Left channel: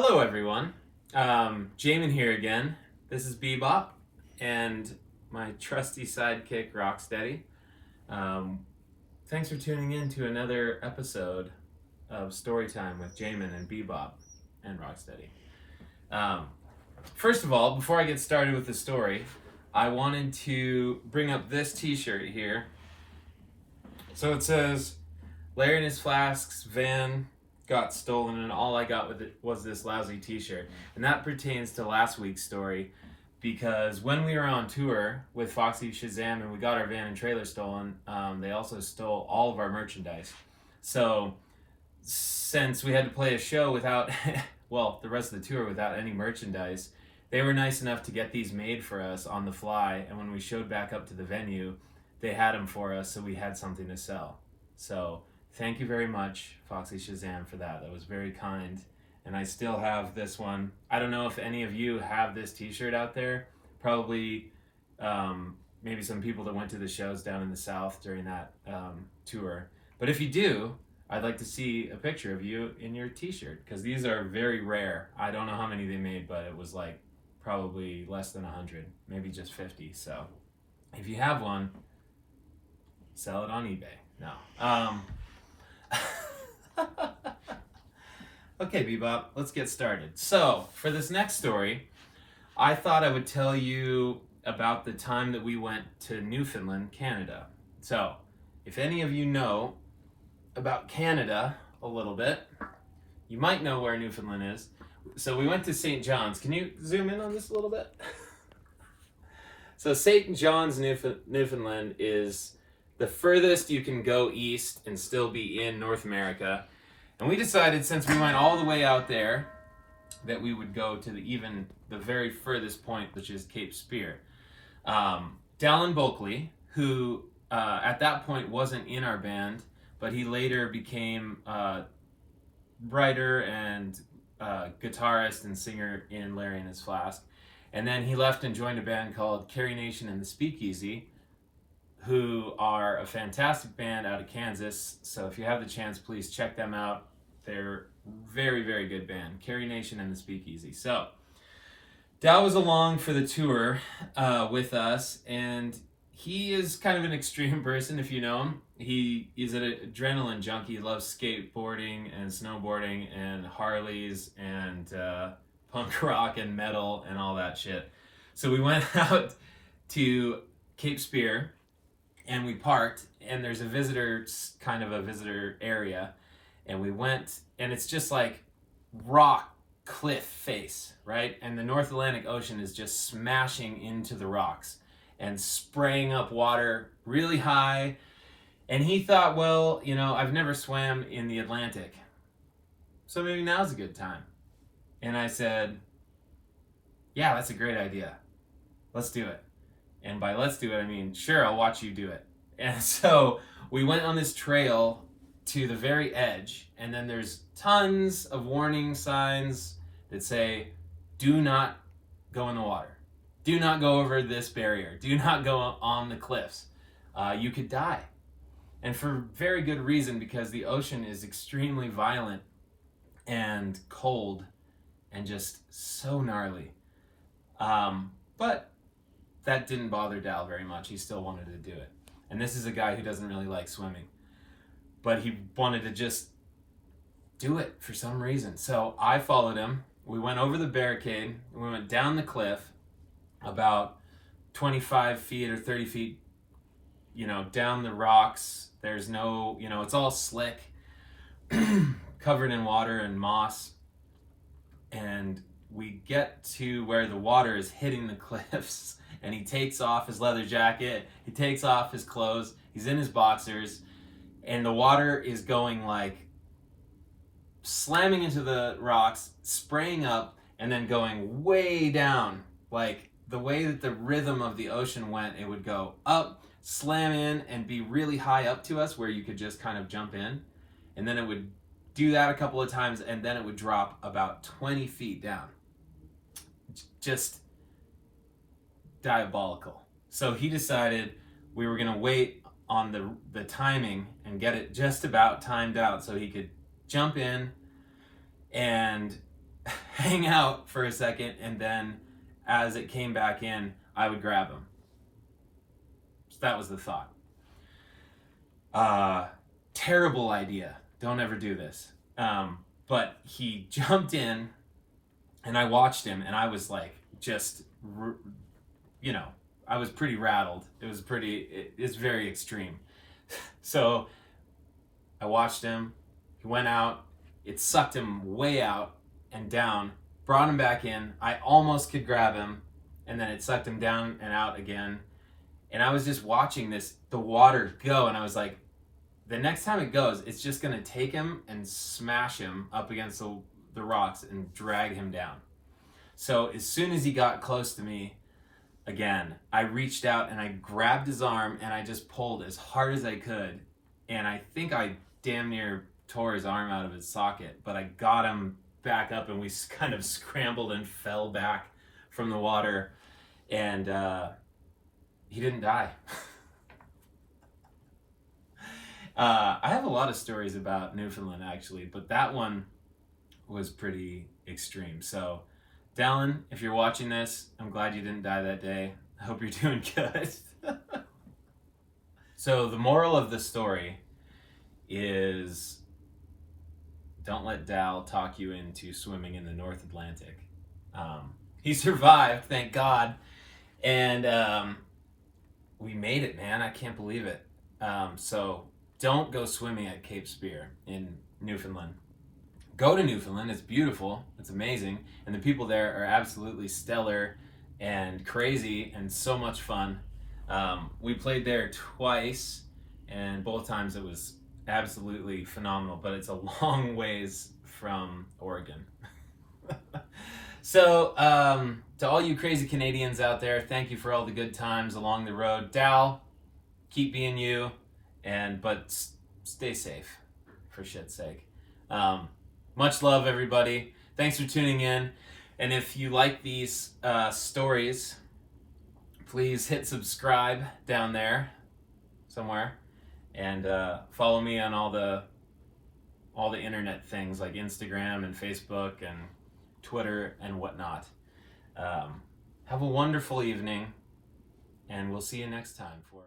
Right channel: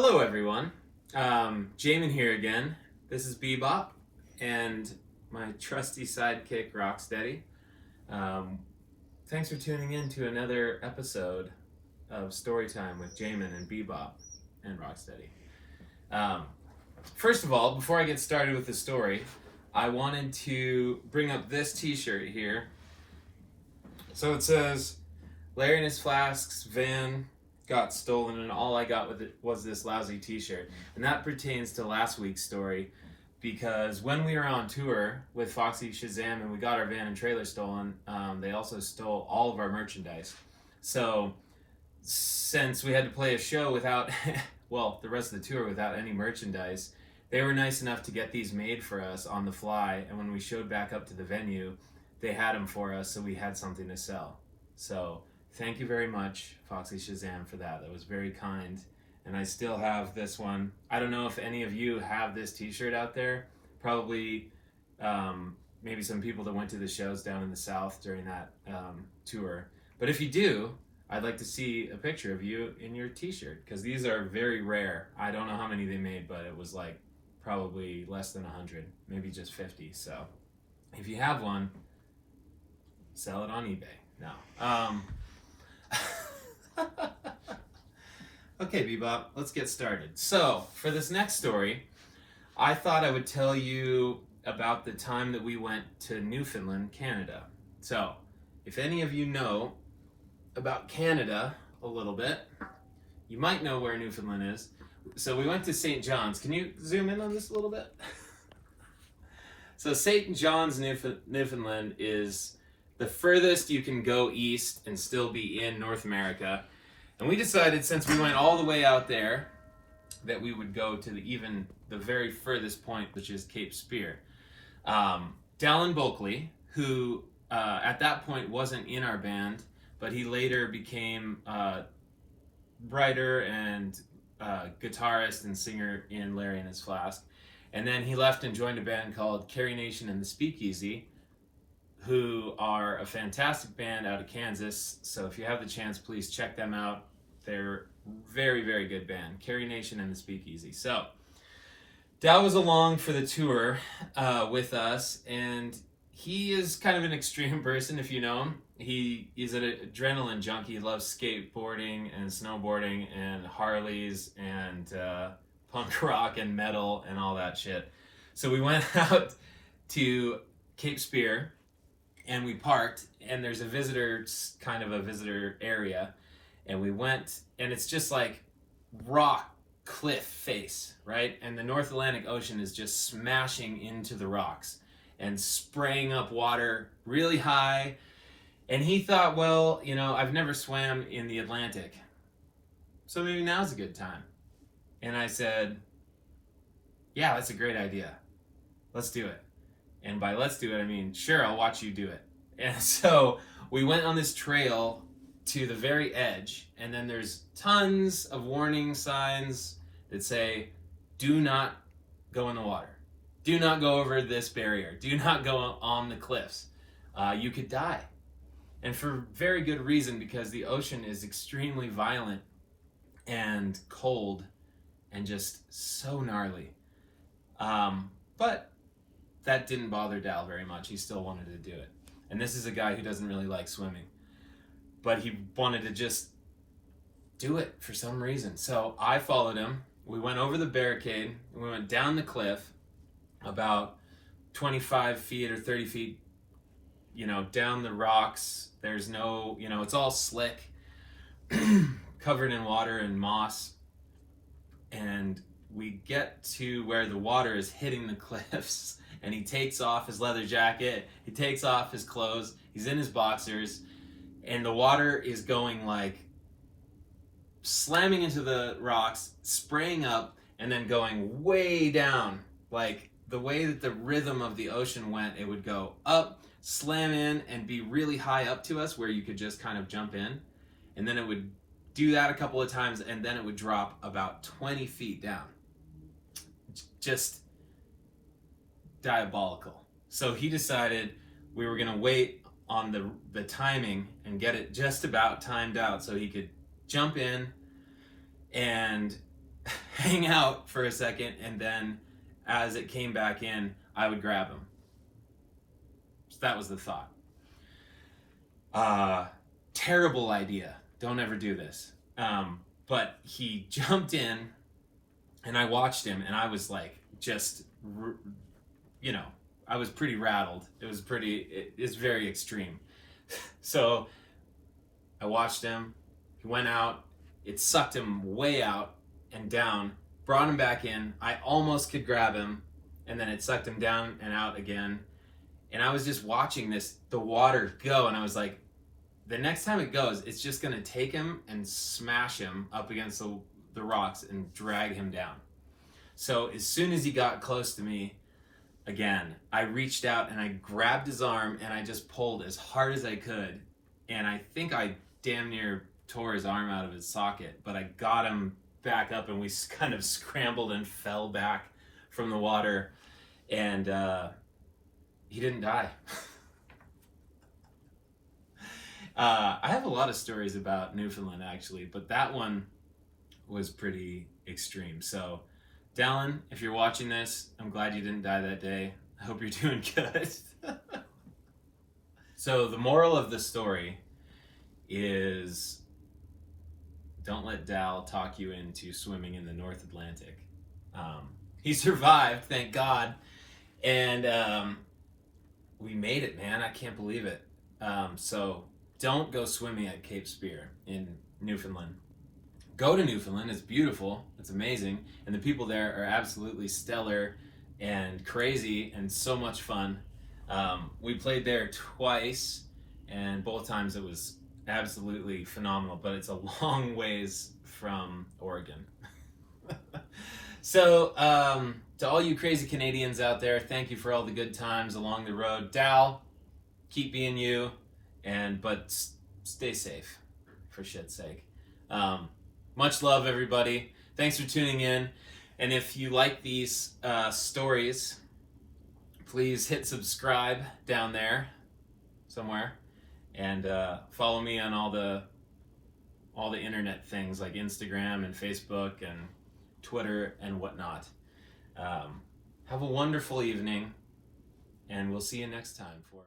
Hello, everyone. Jamin here again. This is Bebop and my trusty sidekick, Rocksteady. Um, Thanks for tuning in to another episode of Storytime with Jamin and Bebop and Rocksteady. Um, First of all, before I get started with the story, I wanted to bring up this t-shirt here. So it says, Larry and His Flask's van got stolen and all I got with it was this lousy t-shirt. And that pertains to last week's story, because when we were on tour with Foxy Shazam and we got our van and trailer stolen, they also stole all of our merchandise. So since we had to play a show without, well, the rest of the tour without any merchandise, they were nice enough to get these made for us on the fly. And when we showed back up to the venue, they had them for us, so we had something to sell. So thank you very much, Foxy Shazam, for that. That was very kind. And I still have this one. I don't know if any of you have this t-shirt out there. Probably maybe some people that went to the shows down in the South during that tour. But if you do, I'd like to see a picture of you in your t-shirt, because these are very rare. I don't know how many they made, but it was like probably less than 100, maybe just 50. So if you have one, sell it on eBay. No. Okay, Bebop, let's get started. So, for this next story, I thought I would tell you about the time that we went to Newfoundland, Canada. So, if any of you know about Canada a little bit, you might know where Newfoundland is. So, we went to St. John's. Can you zoom in on this a little bit? So, St. John's, Newfoundland is the furthest you can go east and still be in North America. And we decided, since we went all the way out there, that we would go to the very furthest point, which is Cape Spear. Dallin Bulkley, who at that point wasn't in our band, but he later became writer and guitarist and singer in Larry and His Flask. And then he left and joined a band called Carrie and the Speakeasy, who are a fantastic band out of Kansas. So if you have the chance, please check them out. They're very, very good band, Carrie and the Speakeasy. So Dal was along for the tour with us, and he is kind of an extreme person if you know him. He is an adrenaline junkie. He loves skateboarding and snowboarding and Harleys and punk rock and metal and all that shit. So we went out to Cape Spear, and we parked, and there's a visitor area, and we went, and it's just like rock cliff face, right? And the North Atlantic Ocean is just smashing into the rocks and spraying up water really high. And he thought, well, I've never swam in the Atlantic, so maybe now's a good time. And I said, yeah, that's a great idea. Let's do it. And by let's do it, I mean, sure, I'll watch you do it. And so we went on this trail to the very edge, and then there's tons of warning signs that say, do not go in the water. Do not go over this barrier. Do not go on the cliffs. You could die. And for very good reason, because the ocean is extremely violent and cold and just so gnarly. But that didn't bother Dal very much. He still wanted to do it. And this is a guy who doesn't really like swimming, but he wanted to just do it for some reason. So I followed him. We went over the barricade, and we went down the cliff about 25 feet or 30 feet, down the rocks. There's no, it's all slick, covered in water and moss. And we get to where the water is hitting the cliffs, and he takes off his leather jacket, he takes off his clothes, he's in his boxers, and the water is going like slamming into the rocks, spraying up, and then going way down. Like the way that the rhythm of the ocean went, it would go up, slam in, and be really high up to us where you could just kind of jump in. And then it would do that a couple of times, and then it would drop about 20 feet down. Just diabolical. So he decided we were going to wait on the timing and get it just about timed out so he could jump in and hang out for a second, and then as it came back in, I would grab him. So that was the thought. Terrible idea. Don't ever do this. But he jumped in, and I watched him, and I was like, just, I was pretty rattled. It's very extreme. So I watched him. He went out. It sucked him way out and down, brought him back in. I almost could grab him, and then it sucked him down and out again. And I was just watching the water go, and I was like, the next time it goes, it's just going to take him and smash him up against the rocks and drag him down. So as soon as he got close to me, again, I reached out and I grabbed his arm and I just pulled as hard as I could. And I think I damn near tore his arm out of his socket, but I got him back up, and we kind of scrambled and fell back from the water, and he didn't die. I have a lot of stories about Newfoundland, actually, but that one was pretty extreme. So, Dallin, if you're watching this, I'm glad you didn't die that day. I hope you're doing good. So the moral of the story is, don't let Dal talk you into swimming in the North Atlantic. He survived, thank God, and we made it, man. I can't believe it. So don't go swimming at Cape Spear in Newfoundland. Go to Newfoundland. It's beautiful. It's amazing. And the people there are absolutely stellar and crazy and so much fun. We played there twice, and both times it was absolutely phenomenal, but it's a long ways from Oregon. So, to all you crazy Canadians out there, thank you for all the good times along the road. Dal, keep being you, but stay safe, for shit's sake. Much love, everybody. Thanks for tuning in. And if you like these stories, please hit subscribe down there somewhere, and follow me on all the internet things like Instagram and Facebook and Twitter and whatnot. Have a wonderful evening, and we'll see you next time for